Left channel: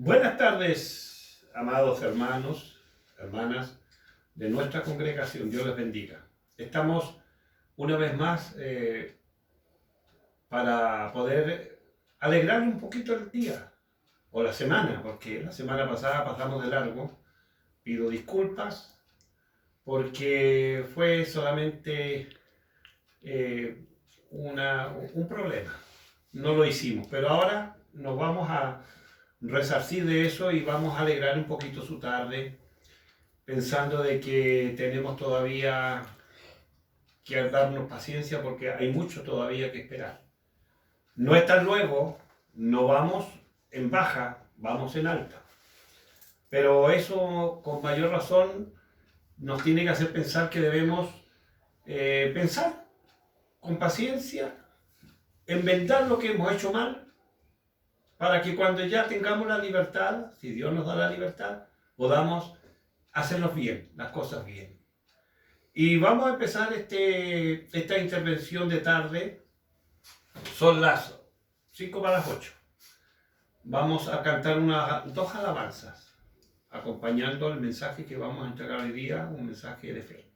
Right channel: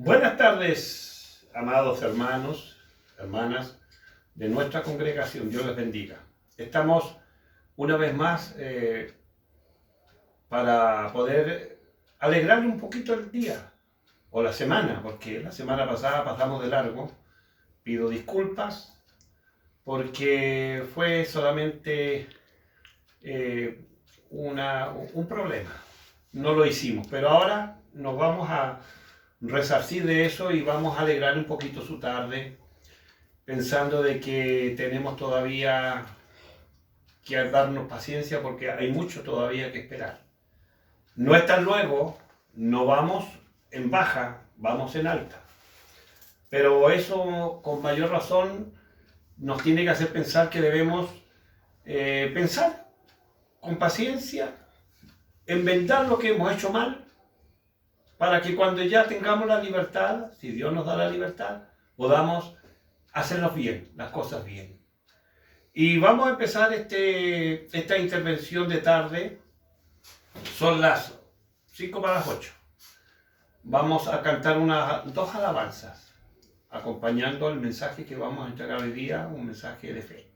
Buenas tardes, amados hermanos, hermanas de nuestra congregación. Dios les bendiga. Estamos una vez más para poder alegrarle un poquito el día o la semana, porque la semana pasada pasamos de largo. Pido disculpas porque fue solamente un problema. No lo hicimos, pero ahora nos vamos a resarcir de eso y vamos a alegrar un poquito su tarde, pensando de que tenemos todavía que darnos paciencia porque hay mucho todavía que esperar. No es tan luego, no vamos en baja, vamos en alta. Pero eso con mayor razón nos tiene que hacer pensar que debemos pensar con paciencia, enmendar lo que hemos hecho mal, para que cuando ya tengamos la libertad, si Dios nos da la libertad, podamos hacerlos bien, las cosas bien. Y vamos a empezar esta intervención de tarde. Son las 5 para las 8. Vamos a cantar dos alabanzas, acompañando el mensaje que vamos a entregar hoy día, un mensaje de fe.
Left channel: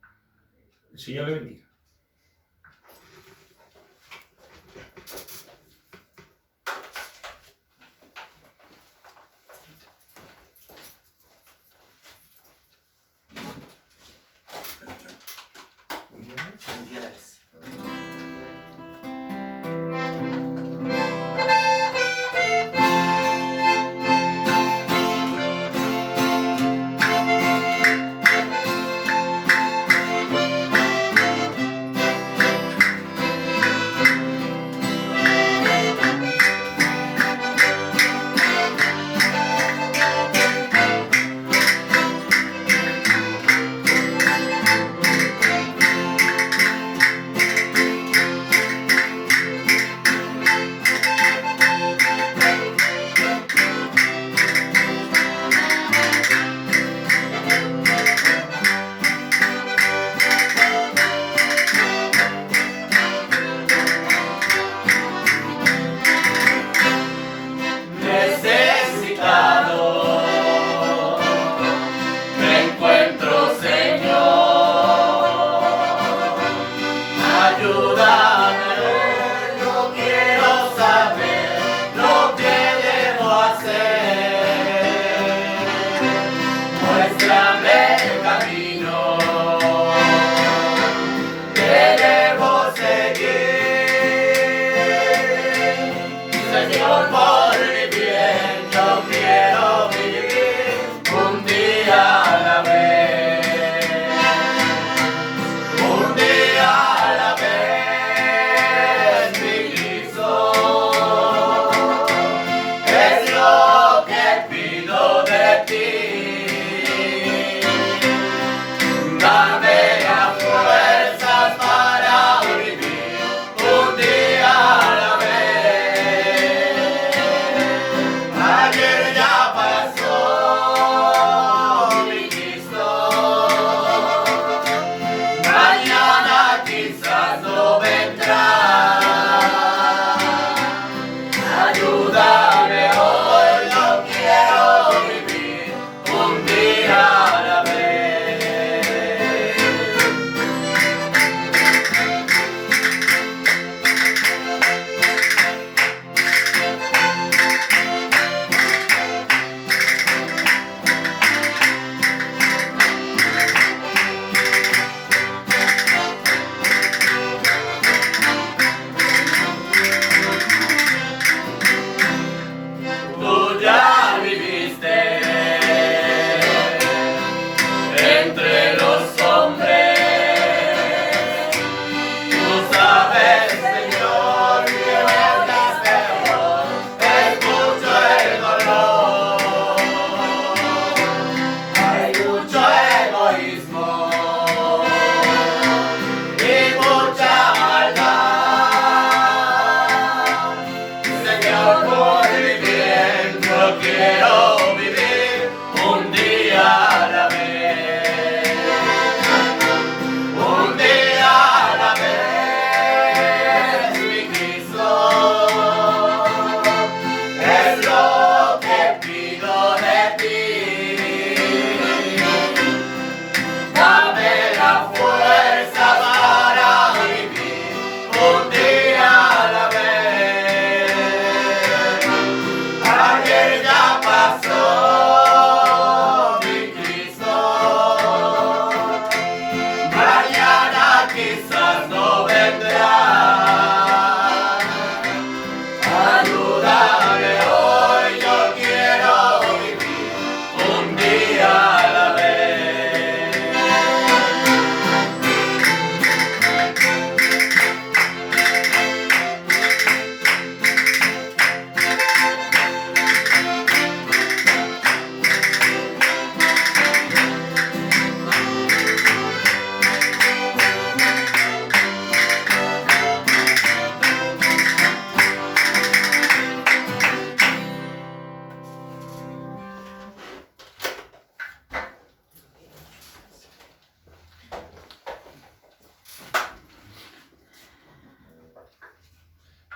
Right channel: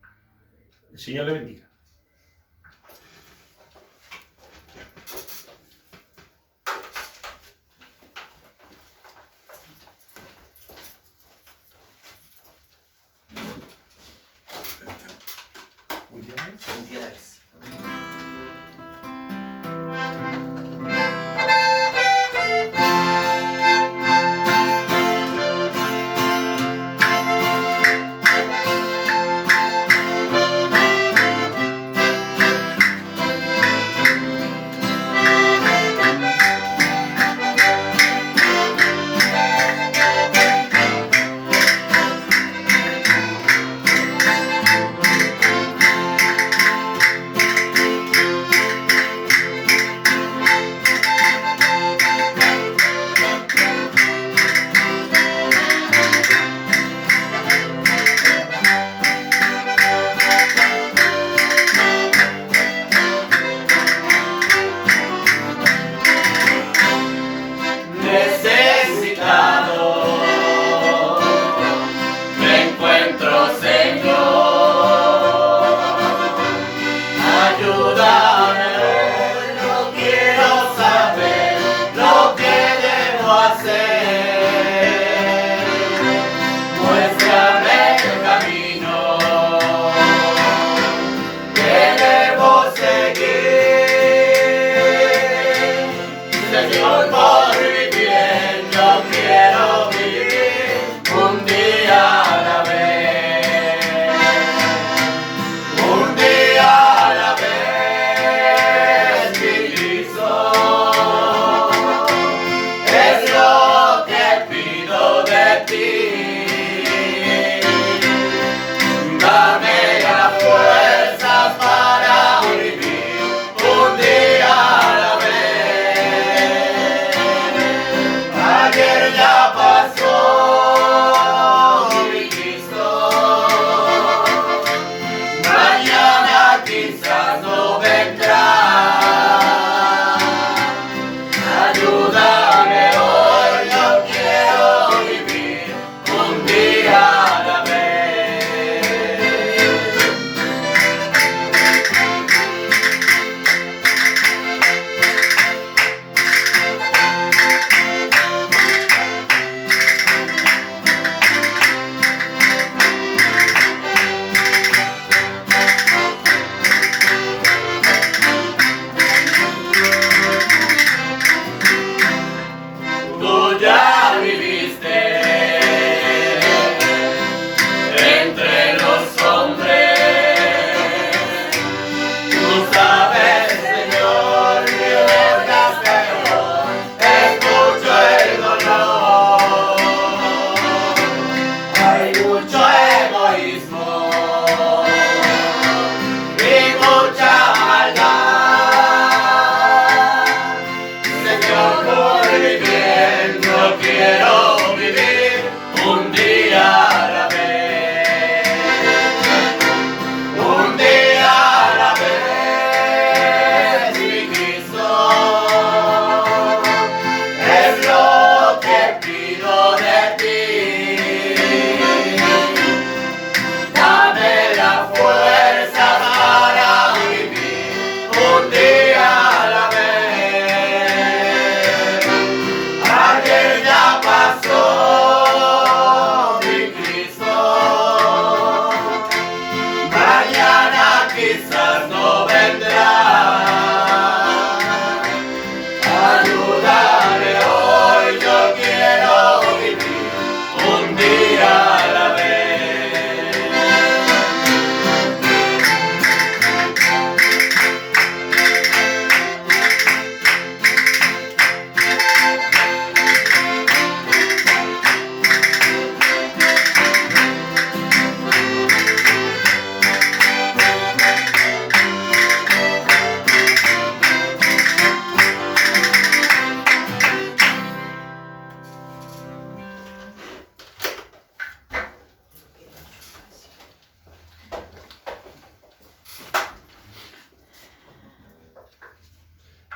El Señor le bendiga.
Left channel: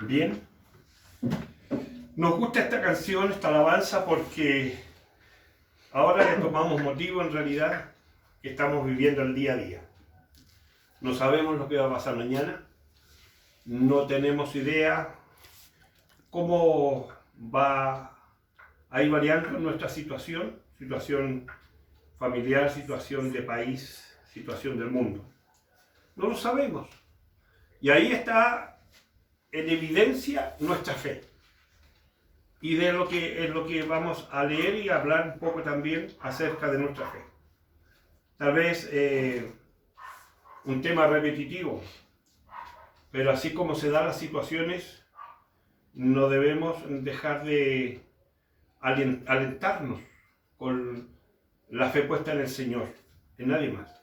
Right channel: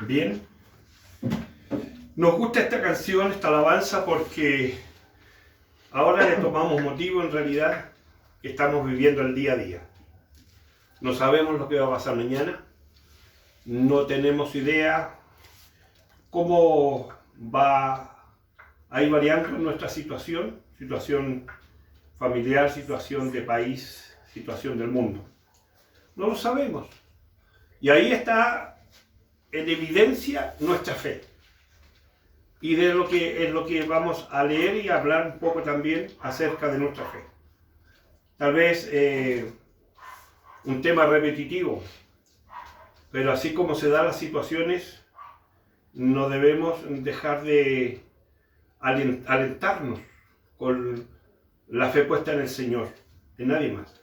Bien, nos gusta esta canción, esta alabanza, porque ahora le tomamos motivo en realidad que estamos viviendo el día a día. No sabemos lo que va a pasar mañana, no tenemos idea cómo va a ir variando nuestra situación familiar, situación de país, situación del mundo. No lo sabemos. Y ahí está en evidencia nuestra fe. Y de lo que es lo que vamos a leer y hablar un poco también acerca de nuestra fe. Tal vez un tema repetitivo, pero así como se dan las situaciones, no debemos dejar de alentarnos con la fe puesta en el Señor, en nadie más.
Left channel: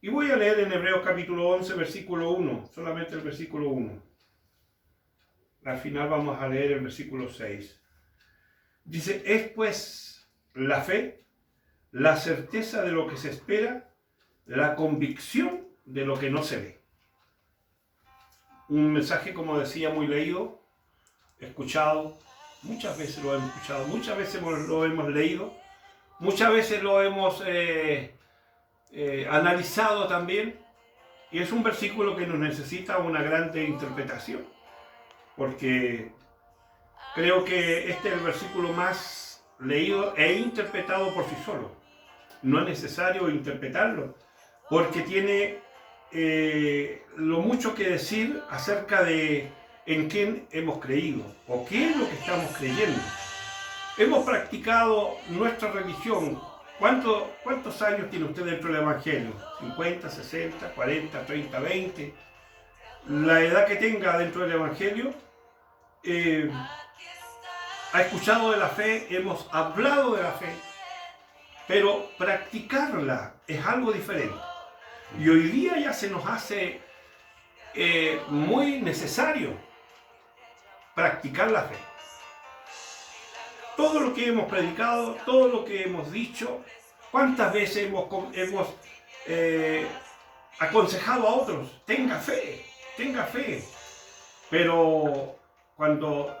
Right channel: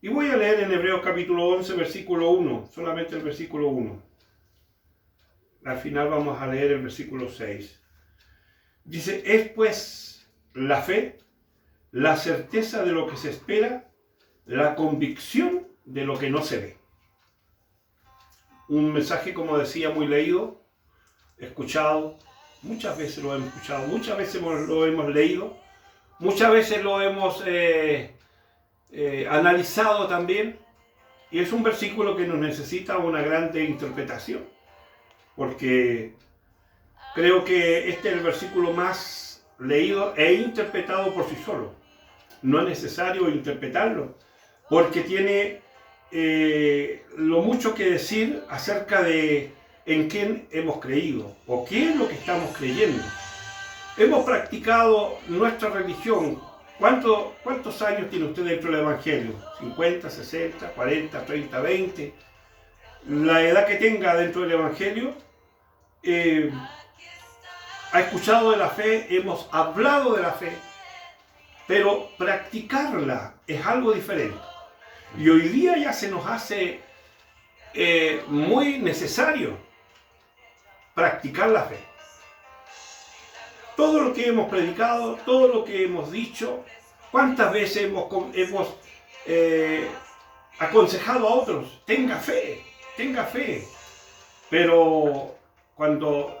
Y voy a leer en Hebreos capítulo 11, versículo 1, solamente el versículo 1. Al final vamos a leer el versículo 6. Dice, es pues la fe, la certeza de lo que se espera, la convicción de lo que no se ve. Un mensaje, como decía, muy leído, escuchado, muchas veces lo hemos escuchado, muchas veces lo hemos leído, muchas veces lo hemos analizado también, y es un versículo que nos necesita una grande interpretación, porque creo que este es el versículo más leído e interpretado por sí solo. No es necesario interpretarlo, porque tiene lo mucho que decir acerca de en quién hemos creído o qué es lo que estamos creyendo. Hemos practicado nuestra religión. ¿Cuántos años tiene usted dentro del Evangelio? ¿50, 60, 40, 30, 20? La edad que tenga dentro del Evangelio, ha escuchado de la fe, hemos hablado de la fe, pero practicarla es algo diferente. Y hoy día ya se nos hace muy necesario practicar la fe. Todo lo que hemos predicado, todo lo que hemos dicho, cuántas veces hemos aconsejado a otros, tenga fe, pero cuando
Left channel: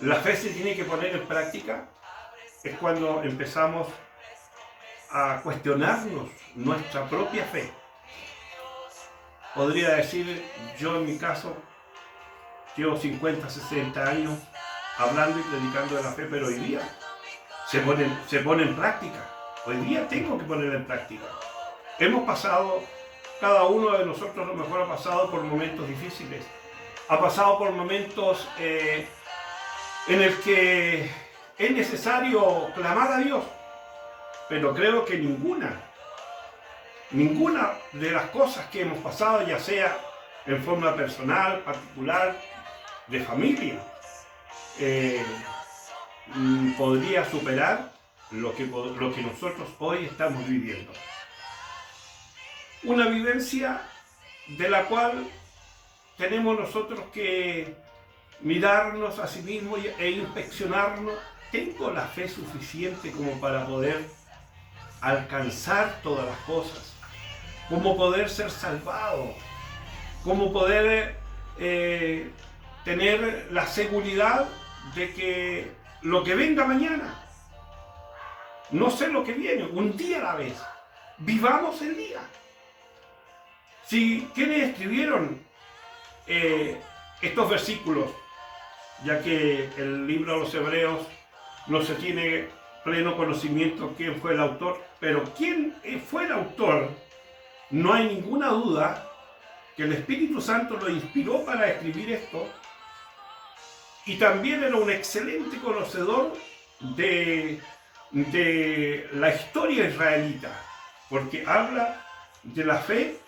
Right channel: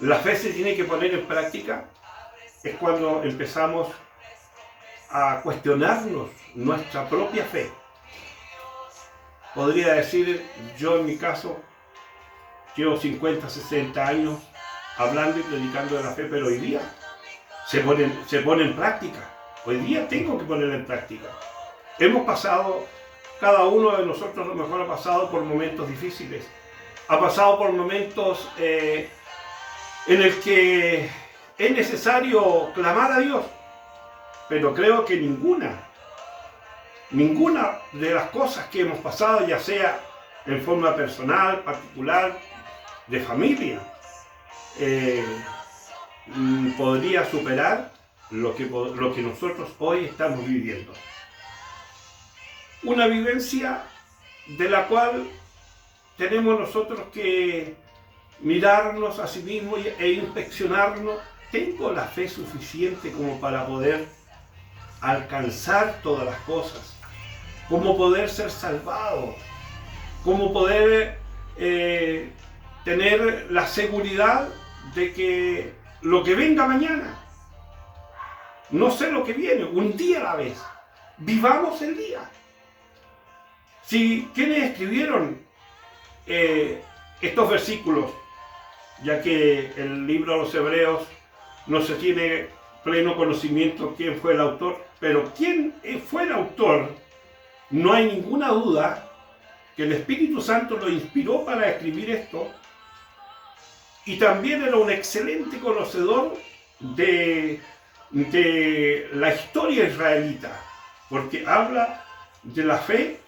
la fe se tiene que poner en práctica, es cuando empezamos a cuestionarnos nuestra propia fe. Podría decir, yo en mi caso, llevo 50, 60 años hablando y predicando de la fe, pero hoy día se pone en práctica. Hoy día tengo que ponerla en práctica. Hemos pasado, cada uno de nosotros a lo mejor ha pasado por momentos difíciles, ha pasado por momentos en el que es necesario clamar a Dios, pero creo que ninguna de las cosas que hemos pasado, ya sea en forma personal, particular, de familia, podría superar lo que nosotros hoy estamos viviendo. Una vivencia de la cual tenemos nosotros que mirarnos a sí mismos e inspeccionarnos. ¿Tengo la fe suficiente como para poder alcanzar todas las cosas? ¿Cómo poder ser salvado? ¿Cómo poder tener la seguridad de que lo que venga mañana? No sé lo que viene, un día a la vez. Vivamos el día. Si quienes escribieron estos versículos, ya que el libro de los Hebreos no se tiene pleno conocimiento quién fue el autor, pero quién fue el autor, no hay ninguna duda que el Espíritu Santo lo inspiró para escribir esto, y también era un excelente conocedor de la historia israelita, porque habla de la fe,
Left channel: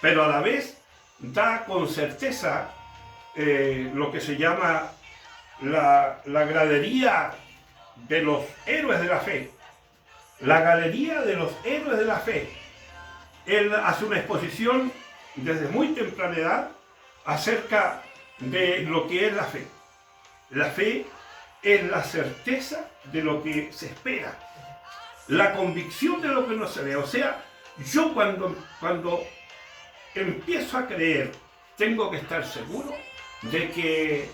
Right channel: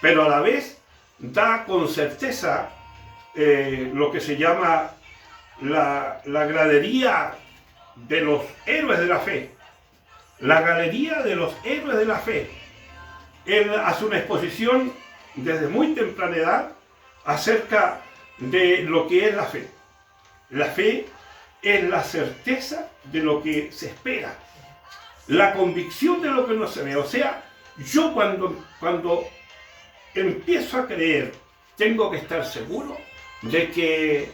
pero a la vez da con certeza lo que se llama la gradería de los héroes de la fe. La galería de los héroes de la fe. Él hace una exposición desde muy temprana edad acerca de lo que es la fe. La fe es la certeza de lo que se espera, la convicción de lo que no se ve. O sea, yo cuando empiezo a creer, tengo que estar seguro de que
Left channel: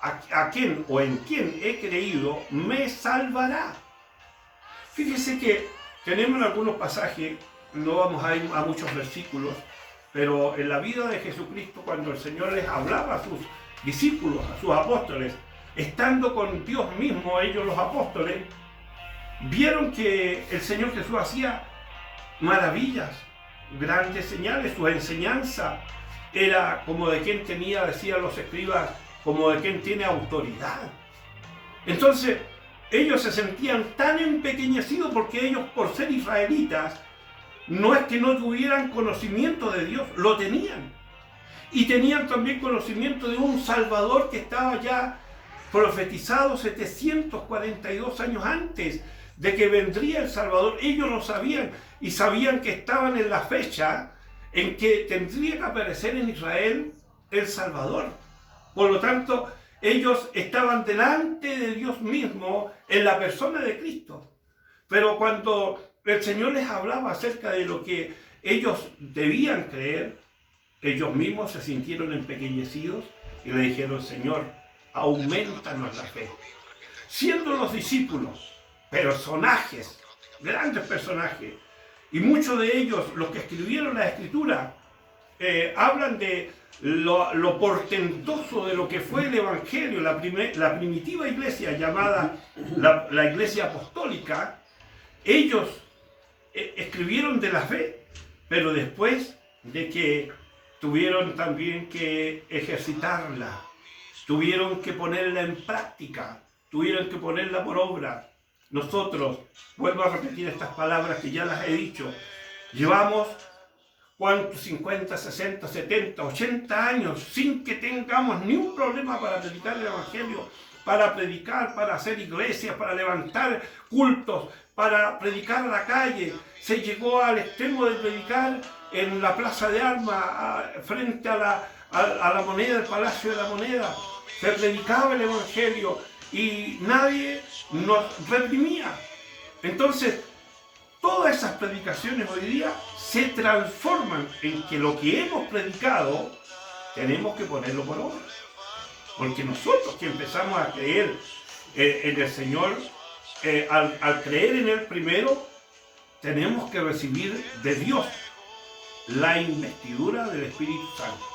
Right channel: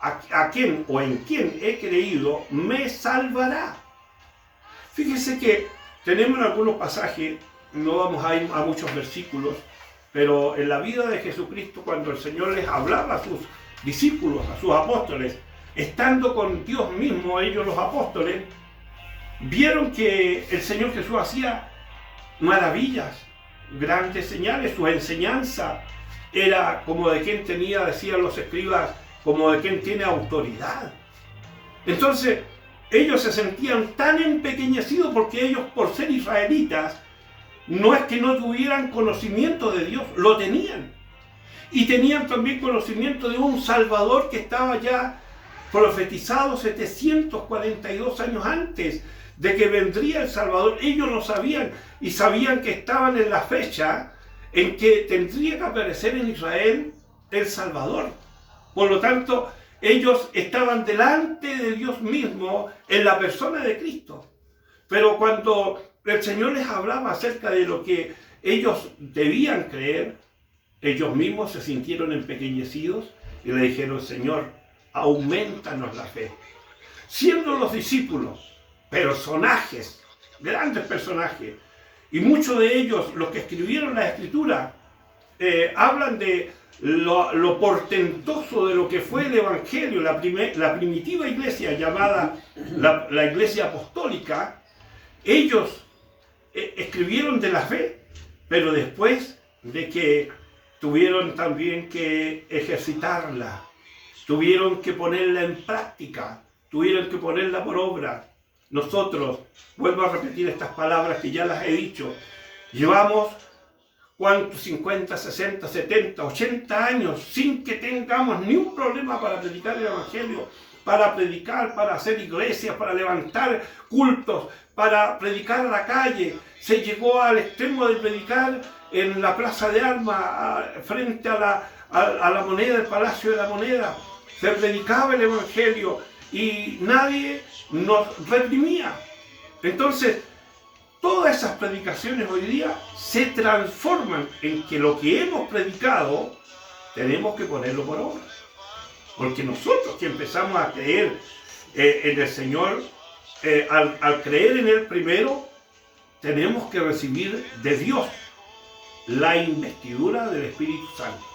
a quién o en quién he creído me salvará. Fíjese que tenemos en algunos pasajes, no vamos a ir a muchos versículos, pero en la vida de Jesucristo, cuando el Señor les hablaba a sus discípulos, a sus apóstoles, estando con Dios mismo, ellos los apóstoles, vieron que el Señor Jesús hacía maravillas, grandes señales. Su enseñanza era como de quien tenía, decían los escribas, como de quien tiene autoridad. Entonces, ellos se sentían tan empequeñecidos porque ellos, por ser israelitas, no es que no tuvieran conocimiento de Dios, lo tenían. Y tenían también conocimiento de un Salvador que estaba ya profetizado 742 años antes de que vendría el Salvador. Ellos lo sabían y sabían que estaban en la fecha en que tendría que aparecer en Israel el Salvador. Por lo tanto, ellos estaban delante de Dios mismo en la persona de Cristo. Pero cuando el Señor les hablaba acerca de lo que ellos debían creer, ellos mismos se sintieron empequeñecidos y le dijeron: Señor, aumentanos la fe. Siendo los discípulos personajes, grandes personajes, y muchos de ellos, los que escribieron la Escritura, hablan de lo portentoso de lo que fue el Evangelio, la primitiva iglesia llamada la iglesia apostólica. Ellos escribieron de la fe, pero después de que tuvieron también que ejercitarla, tuvieron que ponerla en práctica, tuvieron que ponerla por obra. Nosotros, vuelvo a repetir estas palabras que ya las he dicho, llevamos ¿cuántos? 50, 60, 70, 80 años sin que tengamos ni un problema para predicar el Evangelio, para predicar, para hacer iglesias, para levantar cultos, para predicar a la calle. Se llegó al extremo de predicar en la Plaza de Armas, frente a la moneda, el Palacio de la Moneda. Se predicaba el Evangelio y nadie nos reprimía. Entonces, todas esas predicaciones hoy día se transforman en que lo que hemos predicado tenemos que ponerlo por obra. Porque nosotros que empezamos a creer en el Señor, al creer en Él primero, tenemos que recibir de Dios la investidura del Espíritu Santo.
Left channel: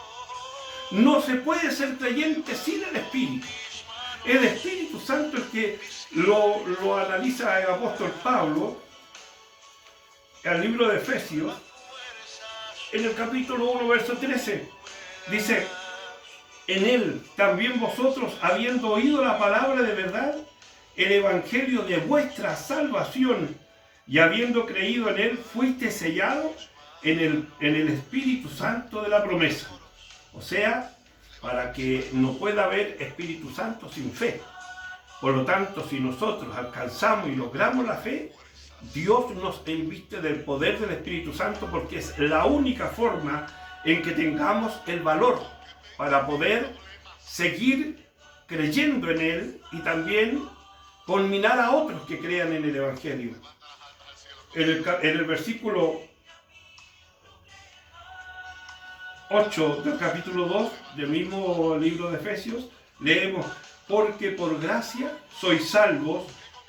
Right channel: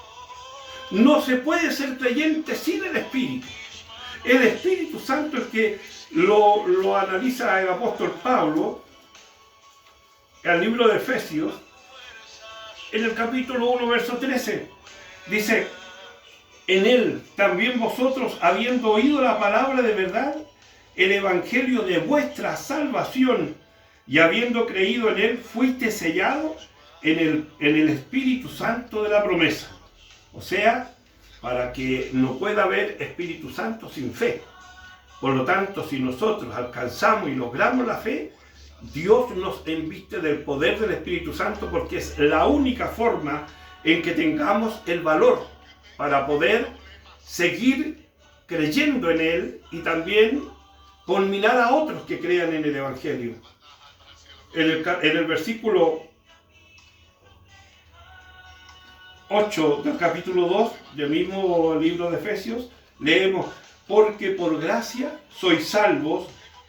No se puede ser creyente sin el Espíritu. El Espíritu Santo, el que lo analiza el apóstol Pablo, el libro de Efesios, en el capítulo 1, verso 13, dice: en él también vosotros, habiendo oído la palabra de verdad, el evangelio de vuestra salvación, y habiendo creído en él, fuiste sellado en el Espíritu Santo de la promesa. O sea, para que no pueda haber Espíritu Santo sin fe. Por lo tanto, si nosotros alcanzamos y logramos la fe, Dios nos enviste del poder del Espíritu Santo, porque es la única forma en que tengamos el valor para poder seguir creyendo en Él y también conminar a otros que crean en el Evangelio. En el versículo 8 del capítulo 2 del mismo libro de Efesios, leemos: porque por gracia sois salvos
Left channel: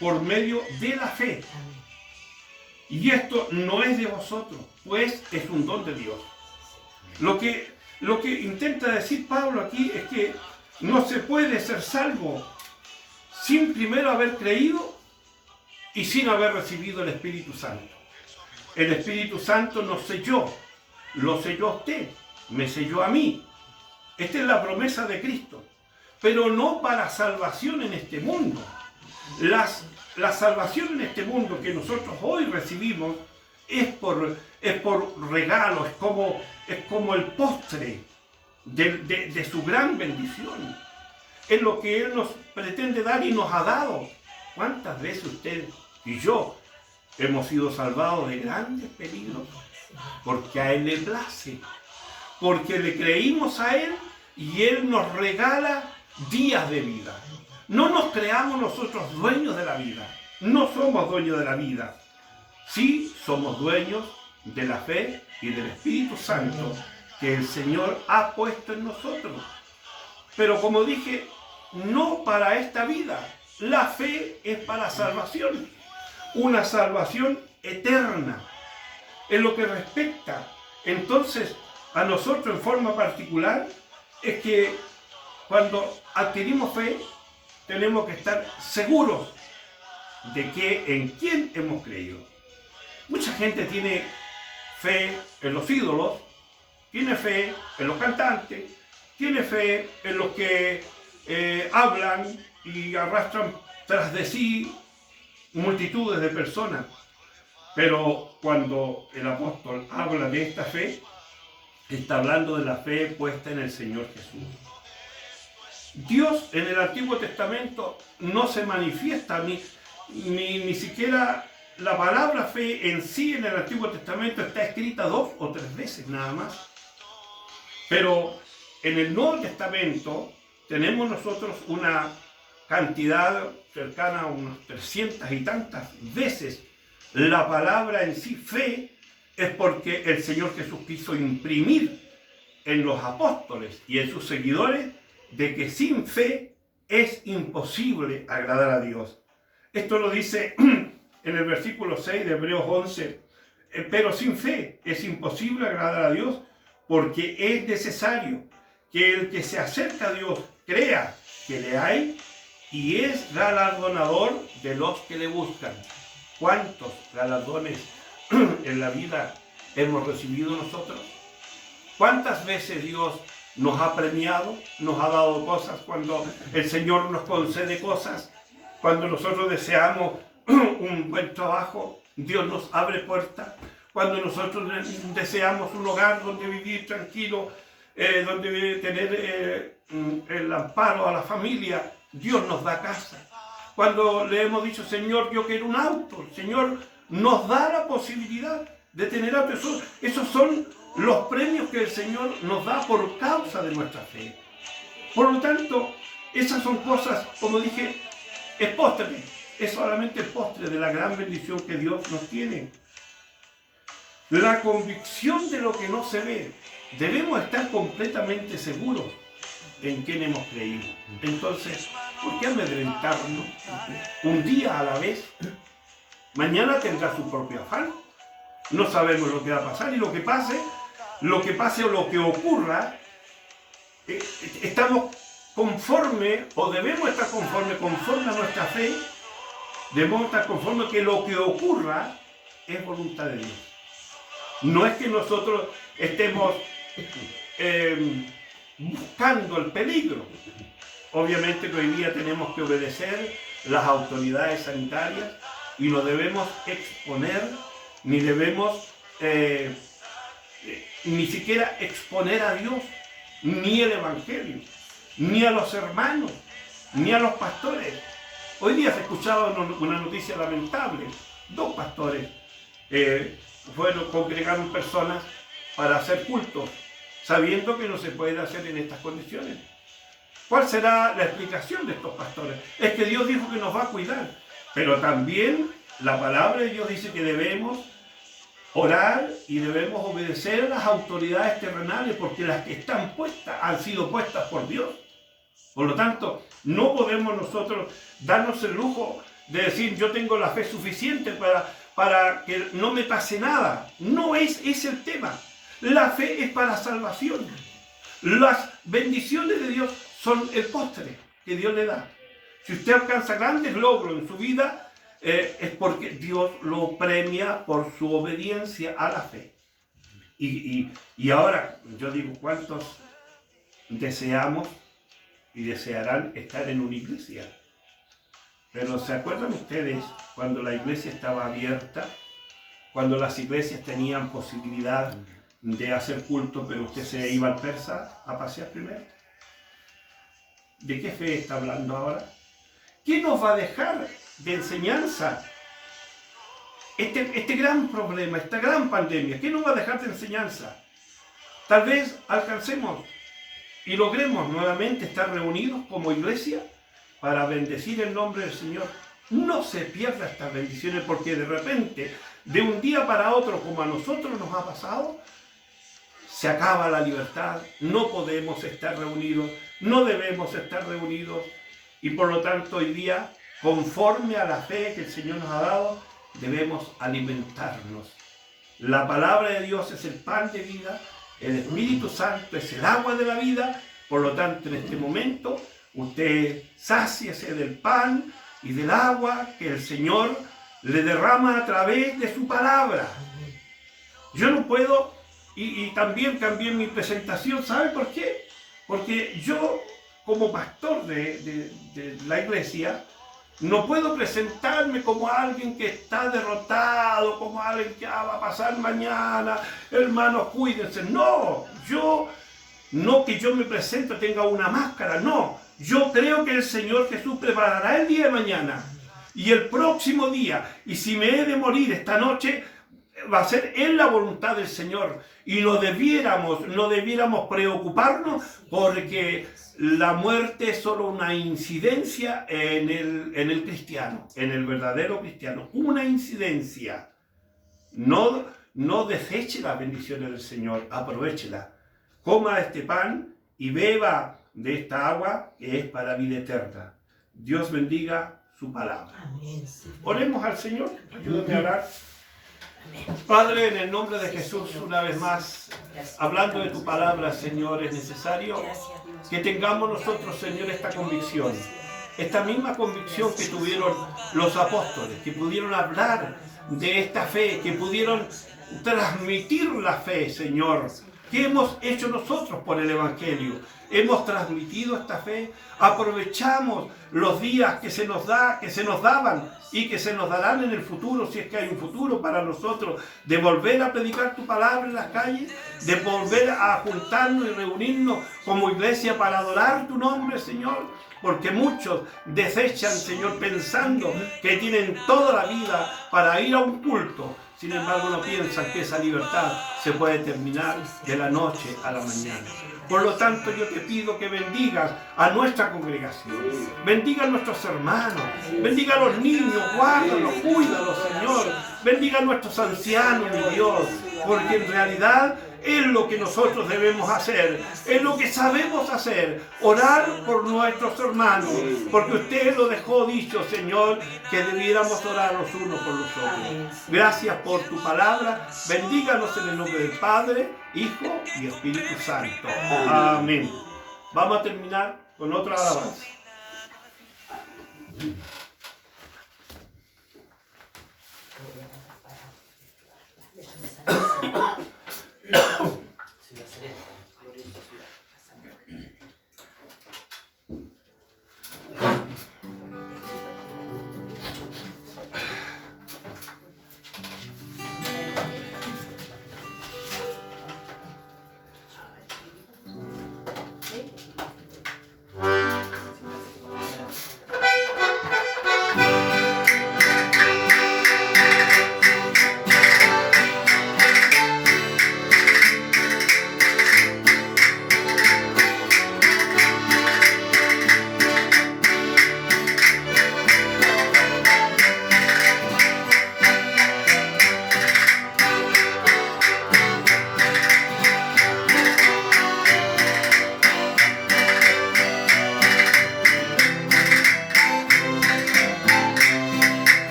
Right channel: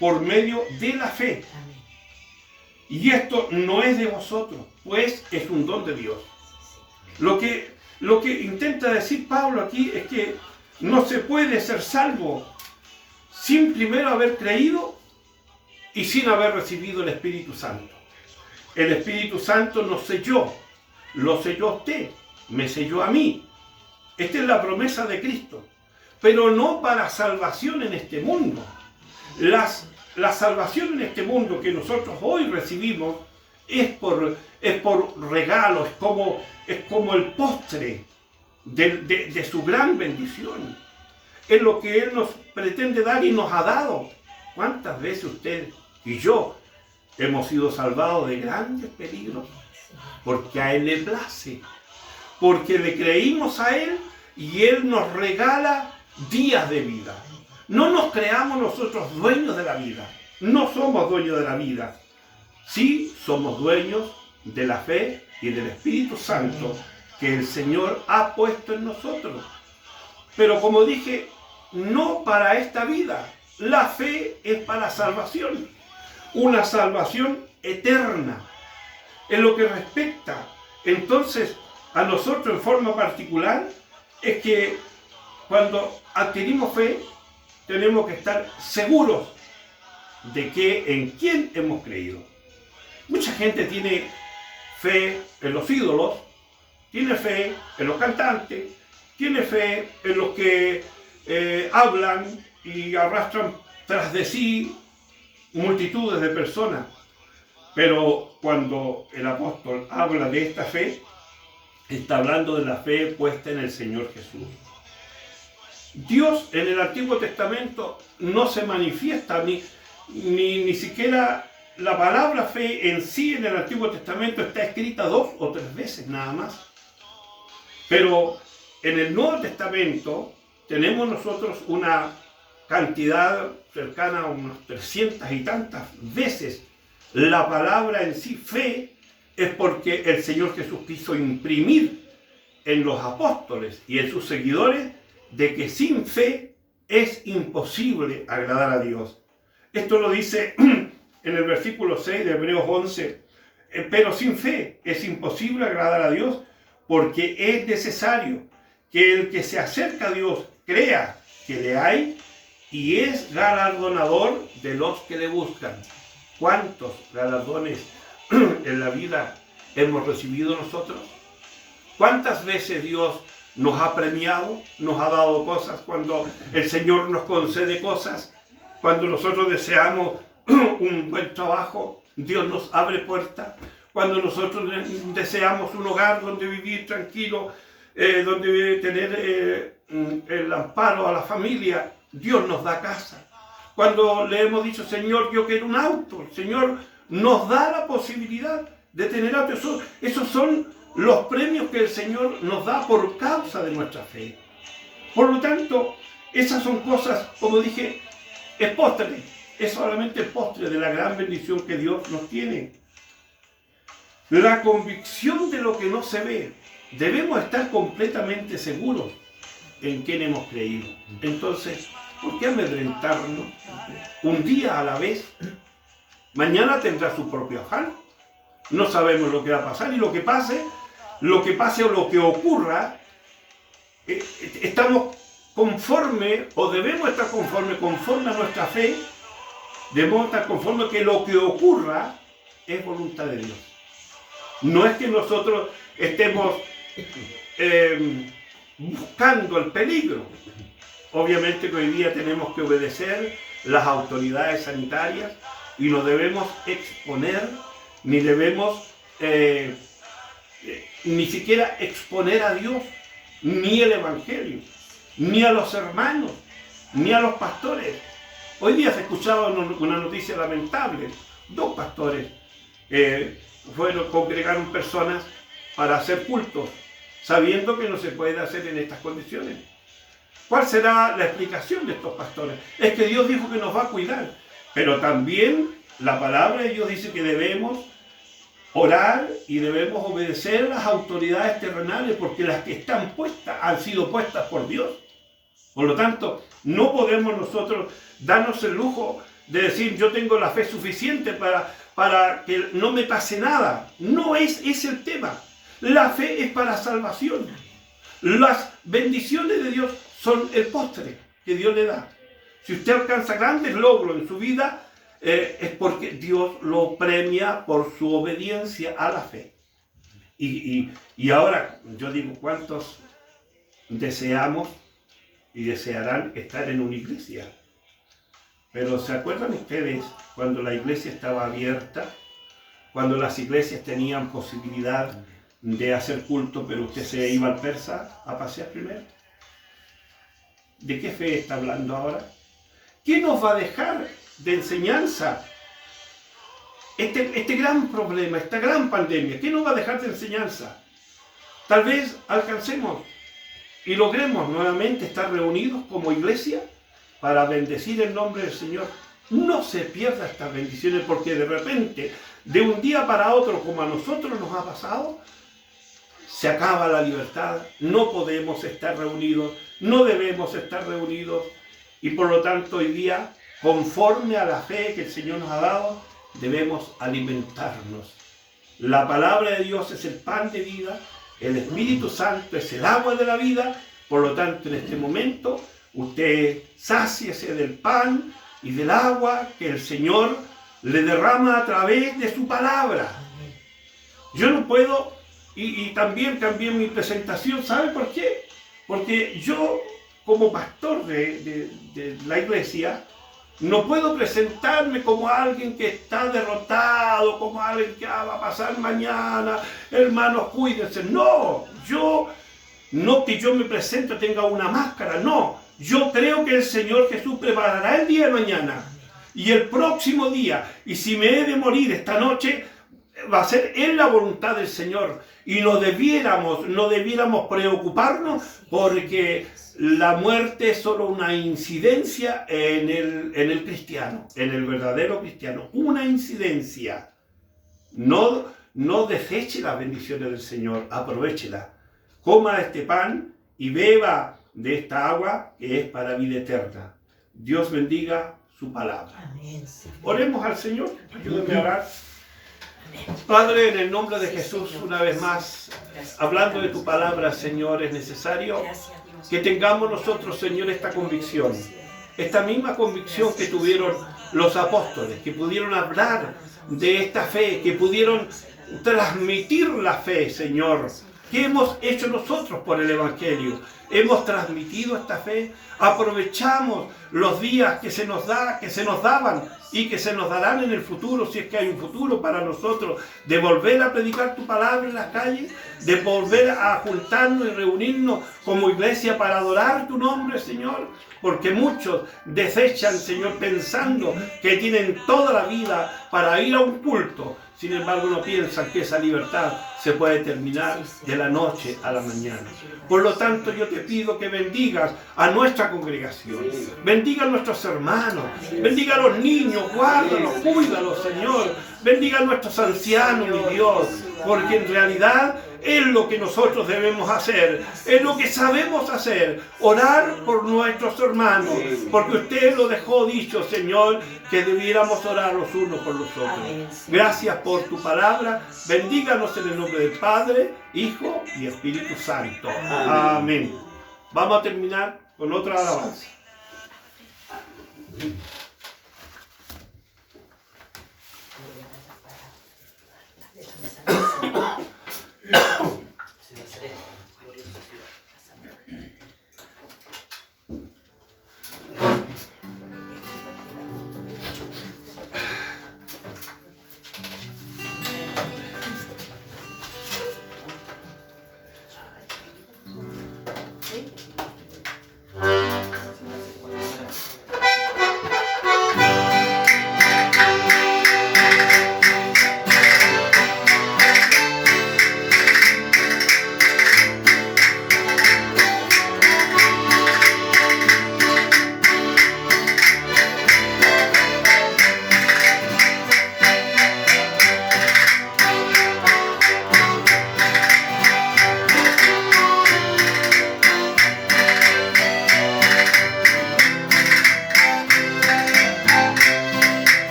por medio de la fe. Y esto no es de vosotros, pues es un don de Dios. Lo que intenta decir Pablo aquí es que no se puede ser salvo sin primero haber creído y sin haber recibido el Espíritu Santo. El Espíritu Santo nos selló, lo selló a usted, me selló a mí. Esta es la promesa de Cristo, pero no para salvación en este mundo. La salvación en este mundo que nosotros hoy recibimos es por regalo, es como el postre de su gran bendición. Es lo que Él nos pretende dar y nos ha dado. ¿Cuántas veces usted y yo hemos sido salvados de grandes peligros? Porque a Él le place, porque le creímos a Él y Él nos regala días de vida. No nos creamos nosotros dueños de la vida, no somos dueños de la vida. Sí somos dueños de la fe y del Espíritu Santo que el Señor ha puesto en nosotros. pero como dije, no para esta vida. La fe es para salvación, una salvación eterna, en lo que respecta entonces a nosotros en forma particular, es que cuando adquirimos fe, tenemos que estar seguros de que en quién hemos creído. Mucha gente tiene fe en los ídolos, tiene fe en los cantantes, tiene fe en los que hablan y arrastran tras de sí multitudes de personas. Pero cuando el apóstol habla de esta fe, está hablando de la fe puesta en el Señor Jesús. Dios en el Antiguo Testamento no se manifiesta, ni siquiera la palabra fe en sí en el Antiguo Testamento está escrita 2 o 3 veces nada más. Pero en el Nuevo Testamento tenemos nosotros una cantidad cercana a unas 300 y tantas veces. La palabra en sí, fe, es porque el Señor Jesús quiso imprimir en los apóstoles y en sus seguidores de que sin fe es imposible agradar a Dios. Esto lo dice en el versículo 6 de Hebreos 11. Pero sin fe es imposible agradar a Dios, porque es necesario que el que se acerca a Dios crea que le hay y es galardonador de los que le buscan. ¿Cuántos galardones en la vida hemos recibido nosotros? ¿Cuántas veces Dios nos ha premiado, nos ha dado cosas cuando el Señor nos concede cosas? Cuando nosotros deseamos un buen trabajo, Dios nos abre puertas. Cuando nosotros deseamos un hogar donde vivir tranquilo, donde tener el amparo a la familia, Dios nos da casa. Cuando le hemos dicho, Señor, yo quiero un auto, el Señor nos da la posibilidad de tener auto. Esos son los premios que el Señor nos da por causa de nuestra fe. Por lo tanto, esas son cosas, como dije, es postre, es solamente el postre de la gran bendición que Dios nos tiene. La convicción de lo que no se ve. Debemos estar completamente seguros en quién hemos creído. Entonces, ¿por qué amedrentarnos? Un día a la vez. Mañana tendrá su propio afán. No sabemos lo que va a pasar y lo que pase o lo que ocurra, estamos conforme o debemos estar conforme a nuestra fe. Debemos estar conforme que lo que ocurra es voluntad de Dios. No es que nosotros estemos buscando el peligro. Obviamente que hoy día tenemos que obedecer las autoridades sanitarias y no debemos exponer, ni debemos ni siquiera exponer a Dios, ni el Evangelio, ni a los hermanos, ni a los pastores. Hoy día se ha escuchado una noticia lamentable. 2 pastores congregaron personas para hacer cultos, sabiendo que no se puede hacer en estas condiciones. ¿Cuál será la explicación de estos pastores? Es que Dios dijo que nos va a cuidar, pero también la palabra de Dios dice que debemos orar y debemos obedecer a las autoridades terrenales, porque las que están puestas han sido puestas por Dios. Por lo tanto, no podemos nosotros darnos el lujo de decir yo tengo la fe suficiente para que no me pase nada. No es ese el tema. La fe es para salvación. Las bendiciones de Dios son el postre que Dios le da. Si usted alcanza grandes logros en su vida, es porque Dios lo premia por su obediencia a la fe. Y ahora, yo digo, ¿cuántos deseamos y desearán estar en una iglesia? Pero ¿se acuerdan ustedes cuando la iglesia estaba abierta? Cuando las iglesias tenían posibilidad de hacer culto, pero usted se iba al persa a pasear primero. ¿De qué fe está hablando ahora? ¿Qué nos va a dejar de enseñanza este gran problema, esta gran pandemia? ¿Qué nos va a dejar de enseñanza? Tal vez alcancemos y logremos nuevamente estar reunidos como iglesia para bendecir el nombre del Señor. No se pierda estas bendiciones, porque de repente, de un día para otro, como a nosotros nos ha pasado, se acaba la libertad, no podemos estar reunidos, no debemos estar reunidos y por lo tanto hoy día, conforme a la fe que el Señor nos ha dado, debemos alimentarnos. La palabra de Dios es el pan de vida, el Espíritu Santo es el agua de la vida, por lo tanto en este momento usted sáciese del pan y del agua que el Señor le derrama a través de su palabra. Yo no puedo, y también cambié mi presentación, ¿sabe por qué? Porque yo, como pastor de la iglesia, no puedo presentarme como alguien que está derrotado, como alguien que va a pasar mañana, hermanos, cuídense. No, no que yo me presento tenga una máscara, no. Yo creo que el Señor Jesús preparará el día de mañana y el próximo día. Y si me he de morir esta noche, va a ser en la voluntad del Señor. Y no debiéramos preocuparnos porque la muerte es solo una incidencia en el cristiano, en el verdadero cristiano. Una incidencia. No deseche las bendiciones del Señor, aprovéchela. Coma este pan y beba de esta agua que es para vida eterna. Dios bendiga su palabra. Amén. Oremos al Señor, ayúdeme a orar. Padre, en el nombre de Jesús, una vez más, hablando de tu palabra, Señor, es necesario que tengamos nosotros, Señor, esta convicción. Esta misma convicción que tuvieron los apóstoles, que pudieron hablar de esta fe, que pudieron transmitir la fe, Señor. ¿Qué hemos hecho nosotros por el Evangelio? Hemos transmitido esta fe, aprovechamos los días que se nos daban y que se nos darán en el futuro, si es que hay un futuro para nosotros, de volver a predicar tu palabra en las calles, de volver a juntarnos y reunirnos como iglesia para adorar tu nombre, Señor, porque muchos desechan, Señor, pensando que tienen toda la vida para ir a un culto. Sin embargo, no piensan que esa libertad se puede terminar de la noche a la mañana. Por lo tanto, yo te pido que bendigas a nuestra congregación, bendiga a nuestros hermanos, bendiga a los niños, guárdalos, cuídalos, Señor, bendiga a nuestros ancianos, mi Dios, porque en realidad es lo que nosotros debemos hacer, es lo que sabemos hacer, orar por nuestros hermanos, porque usted lo dejó dicho, Señor, que debiéramos orar los unos por los otros. Gracias por tu palabra, bendíganos en el nombre del Padre, Hijo y Espíritu Santo. Amén. Vamos a terminar con otra alabanza.